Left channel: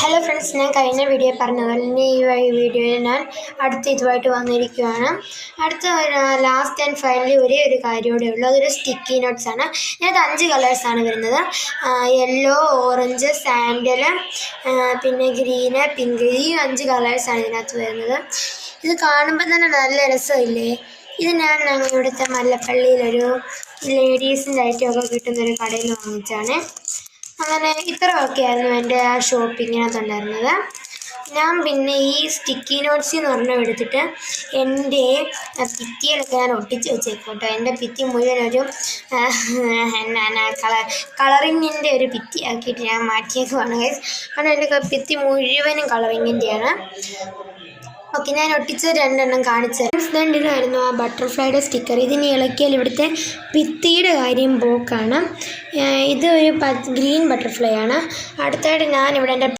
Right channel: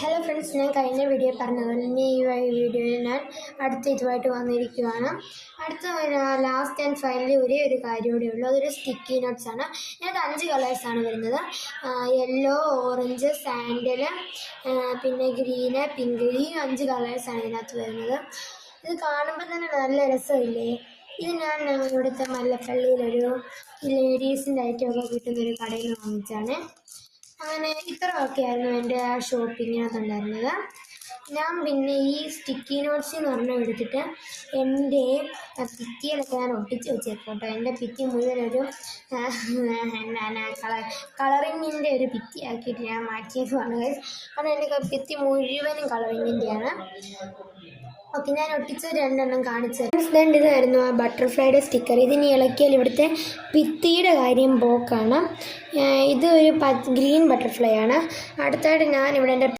Hello friends, ഞാൻ കഴിഞ്ഞ video പറഞ്ഞതുപോലെ തന്നെ ഈ വീഡിയോയിൽ ഞാൻ ഇതുമായിട്ട് വന്നിരിക്കുകയാണ്. ലാസ്റ്റ് ആൻഡ് ഫൈനലി ഒരു കാര്യം കൂടെ ഉള്ളൂ. അതൊരു സ്റ്റിക്കി നോട്ട്സ് ആണ്. ഇതിനകത്ത് 5 കളേഴ്സാണ് വരുന്നത്. യെല്ലോ, ഓറഞ്ച്, സാൻഡൽ, പിന്നെ ഗ്രീന്, പിങ്ക്. ഈ 5 കളേഴ്സാണ് ഇതിനകത്ത് വരുന്നത്. ഇത് കാണുമ്പോൾ തന്നെ നല്ല രസമില്ലേ? ഇത് ഞാൻ ഇവിടുത്തെ മല്ലപ്പള്ളിയിലൊരു ലേഡീസിൻ്റെ ഐറ്റമൊക്കെ കിട്ടുന്നൊരു കടയിൽ വാങ്ങിച്ചാണ്. അങ്ങനെ ഇത്രയൊക്കെയായിരുന്നു എൻ്റെ ആ ഷോപ്പിങ്ങിനകത്തുണ്ടായിരുന്നത്. ഞാൻ പിന്നെ ഈ സ്റ്റിക്കി നോട്ട്സ് എന്ന് പറഞ്ഞാൽ എടുത്തിട്ട് എൻ്റെ ഭിത്തിയിലൊക്കെ ഞാൻ ഒട്ടിച്ച് വെച്ചേക്കോട്ടോ. എൻ്റെ ഭിത്തി മുഴുവനൊരു കളറിങ്ങിൻ്റെ ഒരു ഭിത്തി ആക്കിയിട്ട് ഞാൻ മാറ്റിയേക്കുവാണ്. കാരണം എൻ്റെ ഭിത്തി മുഴുവനും കളറിങ്ങിൻ്റെയാണ്. ഓക്കെ, ഞാൻ ഒട്ടിച്ച 2 എണ്ണം കാണിച്ചു തരാം. ഇതായിരുന്നു ആ ബട്ടർഫ്ലൈയുടെ സ്റ്റിക്കർ. ഇതിന് ഇളക്കിയാൽ ഇവിടുത്തെ ഭിത്തിയുടെ കാര്യം പോക്കാണ്. ഇത് ഒരു ഗ്രീൻ ബട്ടർഫ്ലൈ ആണ്. അടുത്തായിട്ട് ഞാനിവിടെ എൻ്റെ